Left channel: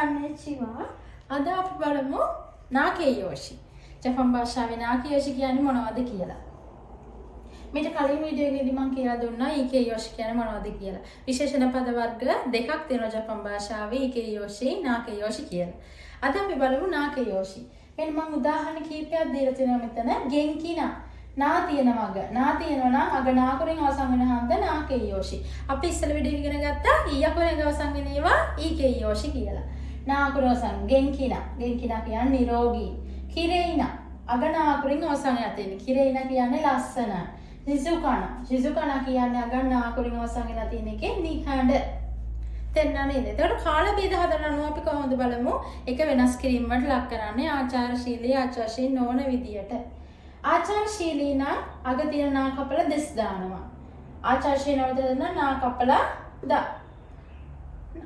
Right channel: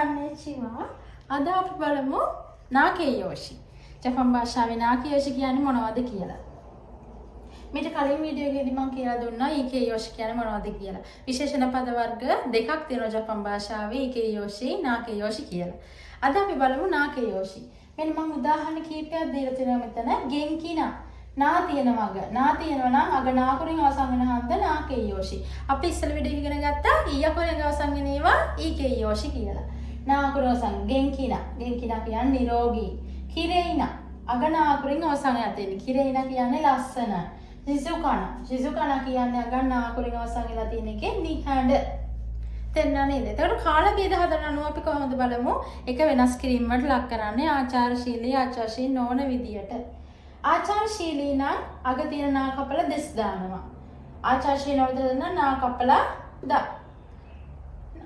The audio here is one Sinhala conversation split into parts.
konnichiwa. අද අපි බලමු නාකේයෝෂි. ජපන් භාෂාවේ නාකේයෝෂි කියන්නේ මොනවද කියලා. මේක කලින් වීඩියෝ එකේදී මම කියලා දුන්නා ඊකේයෝෂි කියන්නේ මොනවද කියලා. විශේෂණ පද වර්ග දෙකක් තියෙනවා ජපන් භාෂාවේ ඊකේයෝෂි, නාකේයෝෂි කියලා. අද අපි බලමු නාකේයෝෂි. මෙන්න මම උදාහරණ කීපයක් දීලා තියෙනවා මෙතන. ගෙන්කිනා නා තියෙනවා අග. නා තියෙනවා නම් අග නාකුරෙන් අවසන් වෙන හන්ද නාකේයෝෂි. අපි ඉස්සෙල්ලා වීඩියෝ ඉගෙන ගත්තා ඊයකුරෙන් අවසන් වෙන ඒවා ඊකේයෝෂි කියලා. නාකුරෙන් අවසන් ගෙන්කිනා. ගෙන්කිනා කියන්නේ නිරෝගී. කිරේිනා අග නාකුරෙන් අවසන් වෙන තියෙන. කිරේිනා කියන්නේ ලස්සන. ශිසුකන කියන්නේ අග නාකුරෙන් අවසන් වෙලා තියෙන එකේ නිහඬ. තේරුණා නේද? එතකොට කාල බේද හදන අනුව අපි කොහොමද බලමු? එක වෙනස් කිරීම වලට ලක් කරන්නේ ආචාරශීලී ආචාරශීලී නොවන විදියට. ආචාරශීලී නම් අග තියෙන නා කපලා දෙස් දානවා. ආචාරශීලී වලට දෙන නා කපලා ද.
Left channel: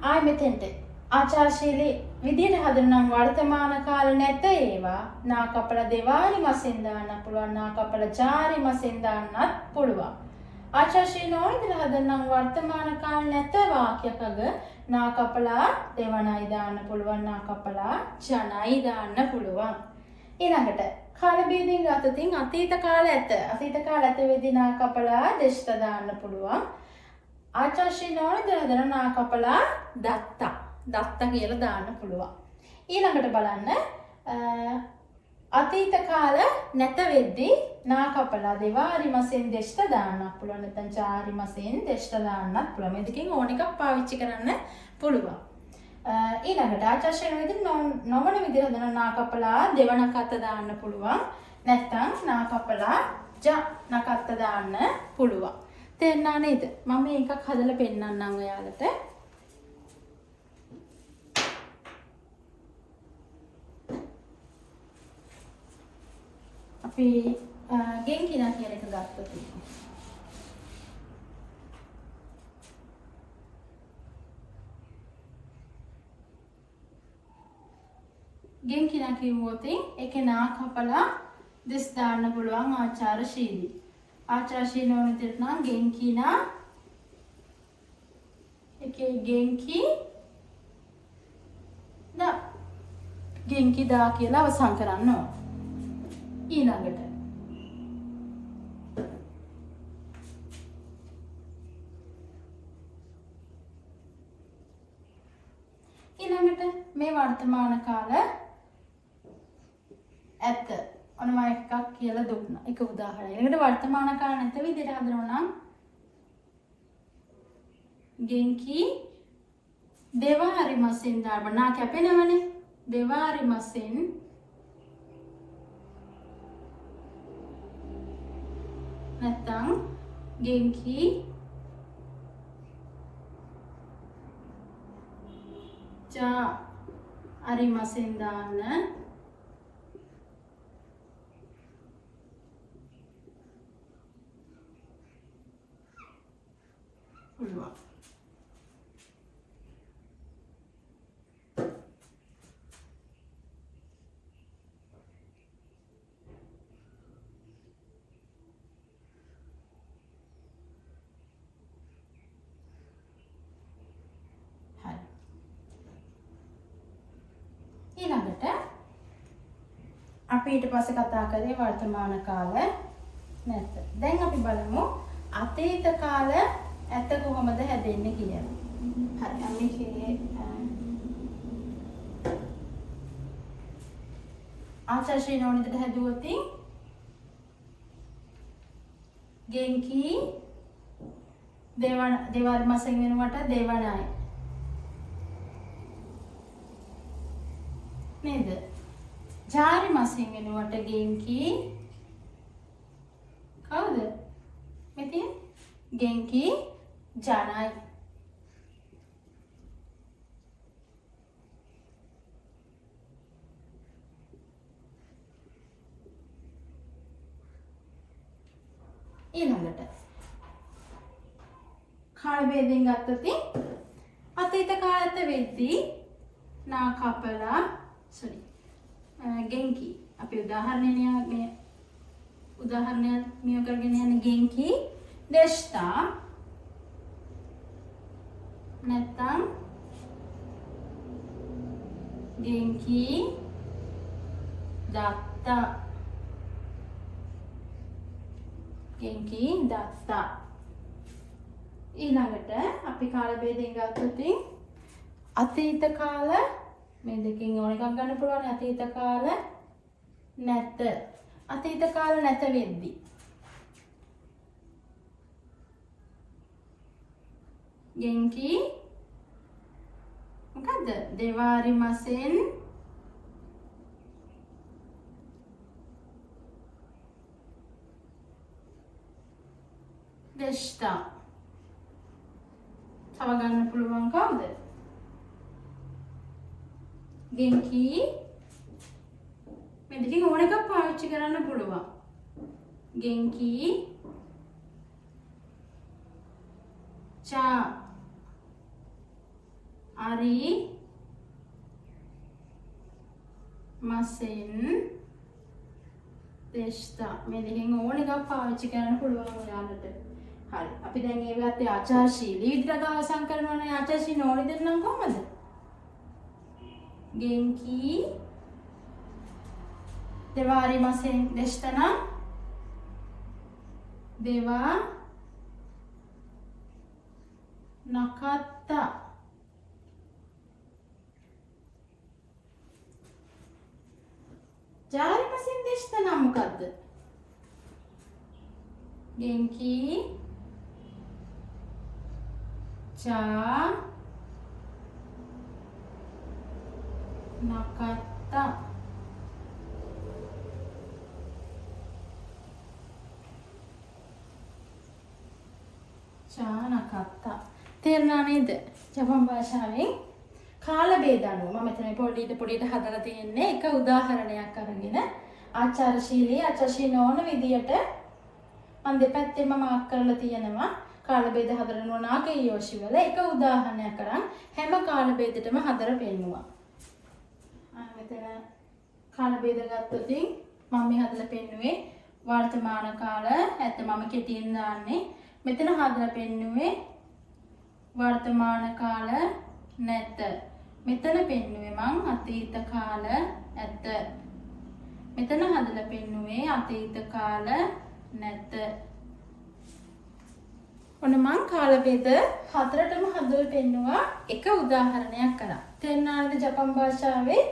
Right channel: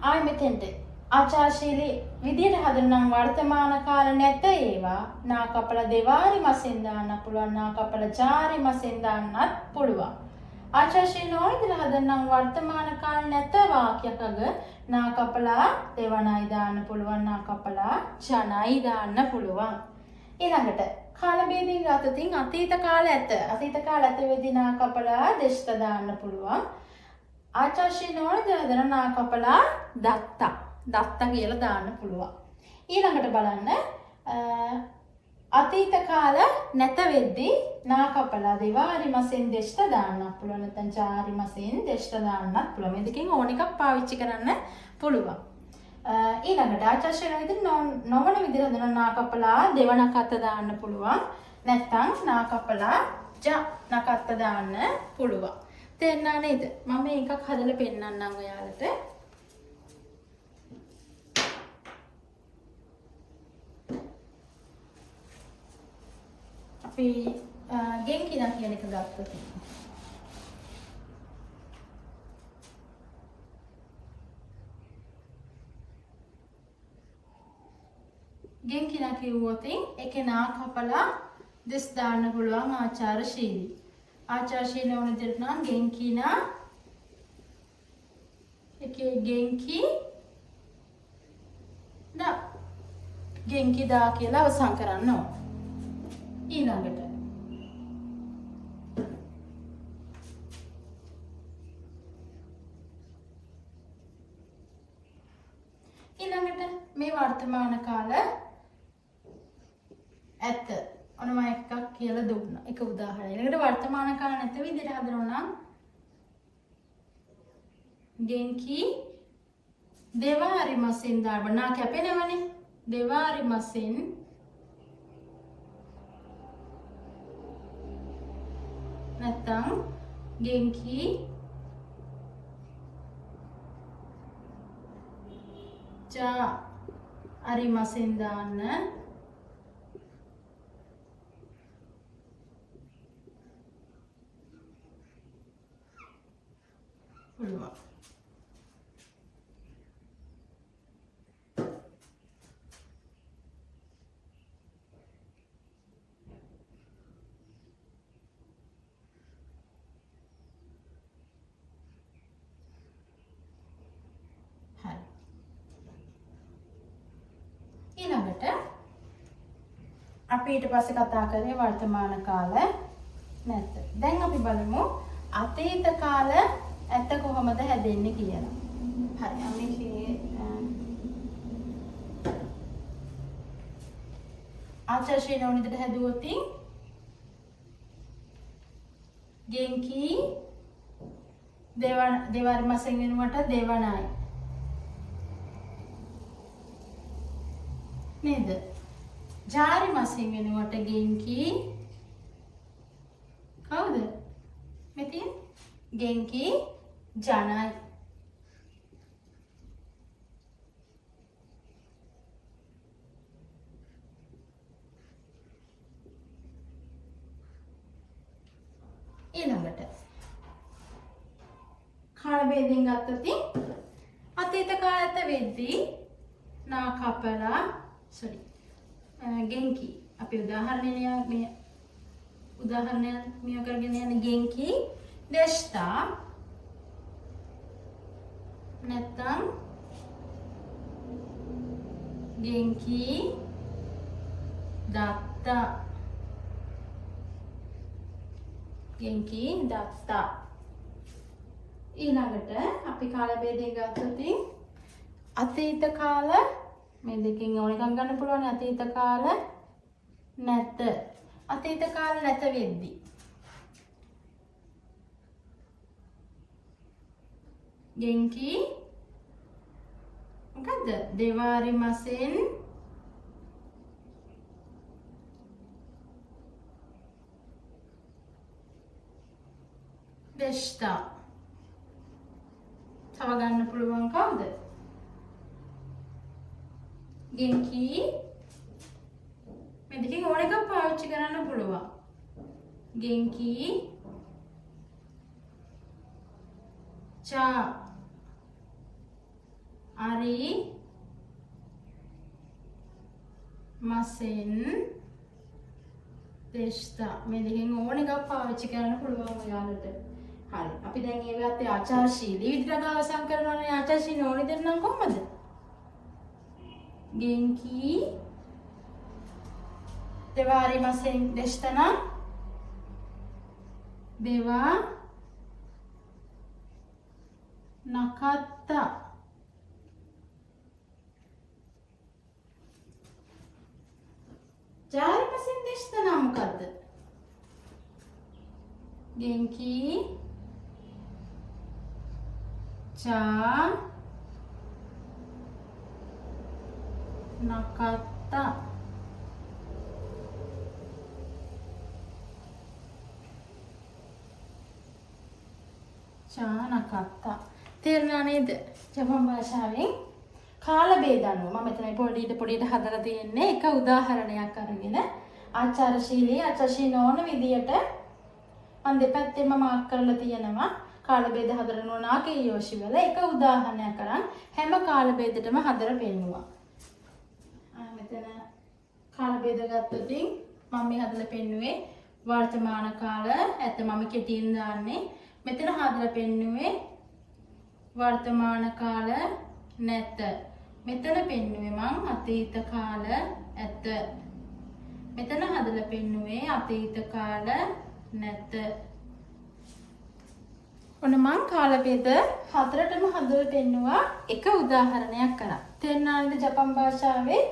ආයි මෙතෙන්ට ආචාරශීලී විදියට හදන නම් වර්තමාන කාල නැත ඒවා නා කපලා දෙවාරි මසෙන් දාන්න පුළුවන්. නා කපලා ජාරි මසෙන් දාන්නත් පුළුවන්. ආචාරශීලී නොවන විදියට හදන නම් වර්තමාන කාල නැත වාක්‍යයක නා කපලා දෙවනයි දාන්න පුළුවන්. නා කපලා ජනයි දාන්න පුළුවන්. ඊළඟට කාල බේදයෙන් ගත්තොතින් අතීත කාල ඇත. අතීත කාල ඇත වෙදී නා කපලා දෙෂ්ට දාන්න පුළුවන්. ආචාර්ශී නොවන දන නා කපලා දත්තා. දත්තා කියලා දාන්න පුළුවන්. ඊළඟට බලන්න අතීත කාල නැත වෙද්දී නා කපලා දෙවාරි මසෙන් දෙෂ්ට දාන්න පුළුවන්. නැත්නම් චාරි මසෙන් දෙෂ්ට දාන්නත් පුළුවන්. මේ දෙකෙන් ඕන එකක් පාවිච්චි කරන්න පුළුවන්. ඊළඟට ආචාර්ශී විදිහට නොවන විදිහට හදන නා කපලා දෙවනක් අත දාන්න පුළුවන්. නැත්නම් නා කපලා ජ නකත්ත දාන්න පුළුවන්. තේරුණා නේද? මම මේකක් හදලා පෙන්නන්නම් ඔයාලට. අපි ගෙන්කිනා කියන එක ගත්තොත් ගෙන්කිනා කිව්වොත් ඒකේ නා කපලා දෙස් දාන්න පුළුවන් ආචාරශීලී. ආචාරශීලී වුණ විදිහට නම් ගෙන්කිනා ඒකේ ගෙන්කි නා ගෙන්කි දා කියලා අවසන් කරන්න ඕන. ඊළඟට මේ වර්තමාන කාල ඇත. ඔන්න මම එකක් කියලා දුන්නා. එක උදාහරණයක්. ඊළඟට වර්තමාන කාල නැත විදිහට හදනවා නම් ගෙන්කි දෙවාරි මසෙන් දාන්න. නා කැපෙනවනේ. දෙවාරි මසෙන් නැත්නම් ගෙන්කි ජා අරි මසෙන් දාන්න පුළුවන්. ඊළඟට අපි ඊට පස්සේ කතා කරේ වර්තමාන කාල නැත. දැන් අපි බලමු අතීත කාල ඇත කොහොමද හැදෙන්නේ කියලා. හරි අපි ආචාර්ශී නෝනිට හැදුවොත් ගෙන්කි දෙවාරි මසෙන් වෙනුවට දෙවනයි නේද? ජාරි මසෙන් වෙනුවට ගෙන්කි කවුද? මෙතන ගෙන්කි ජනයි. ඊළඟට කාල වේදෙන් ගත්තොත් අතීත කාලත වෙද්දී නා කපලා ගෙන්කි අපි උදාහරණයක් මේ කරගෙන යන්නේ ගෙන්කි දෙෂ්ටා නැත්නම් ගෙන්කි දත්තා. ගෙන්කි දත්තා. ඊළඟට අපි කාල භේදයෙන් ගත්තොත් අතීත කාල මේ දෙකෙන් ඕන එකක් ගන්න පුළුවන්. අතීත කාල නැත. අතීත කාල නැත වෙද්දී ගෙන්කි මොකද්ද? දෙවාරි මසෙන් දෙෂ්ඨා. තව ගන්න පුළුවන් කවුද? ගෙන්කි මේ දෙකෙන් ඕන එකක් පාවිච්චි කරන්න පුළුවන්. ගෙන්කි චා අරි මසෙන් දෙෂ්ඨා. මේ දෙකෙන් ඕන එකක් පාවිච්චි කරන්න පුළුවන් ඔයාලට. හරි. අපි දැන් ඒ ගත්තේ ආචාරශීලී විදිහට අවසන් කරනවා නම් ආචාරශීලී ඕනි දෙන්නම් කොහමද? ගෙන්කි දෙවාරි මසෙන් දෙෂ්ඨා දෙවා නකත්තා. ජාරි මසෙන් දෙෂ්ඨා මොකද්ද? ගෙන්කි චා නකත්තා. චා නකත්තා. තේරුණා නේද? ජපන් භාෂාවෙන් කාල භේද අනුව මම මෙතන පොඩියට හදලා තියෙන්නේ එක උදාහරණයක් අරගෙන ආචාරශීලී නොවන විදියට මම දෙපැත්තෙම මාක් කරලා තියෙනවා. කාල භේද හදලා නාගේ යෝෂි වල එක උදාහරණයක් අරන් හැම කාල භේදෙටම හදලා පෙන්නුවා. මෙතන කාල භේද ගත්තොත් මම මේ හදලා පෙන්නුවේ වර්තමාන කාල. ඇත්ත මම කෙටියෙන් දාන්නේ. මෙතන හදලා පෙන්නුවේ වර්තමාන කාල නැත. මෙතන පෙන්නුවේ මං අතීත කාල ඇත. මෙතන හදලා පෙන්නුවේ අතීත කාල නැත. ඔන්න මං කාල භේද හතරටම හදලා පෙන්නුවා එක උදාහරණයක් කරා. තේරුණාද ජපන් භාෂාවේ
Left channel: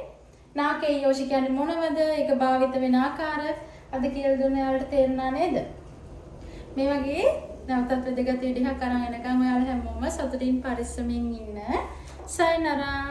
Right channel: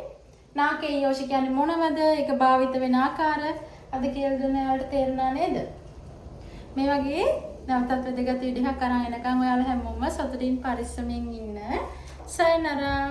නාකේ යෝෂි කියන්නේ මොනවද? ඒක භාවිත වෙන ආකාර අද කියලා දුන්න ඔයාලට තේරුණා නේද? මේ වගේ නැවතත් වැදගත් වීඩියෝයක් අරන් එනකම් ඔයාලා හැමෝම සතුටින් පරිස්සමින් ඉන්න. සයනරා.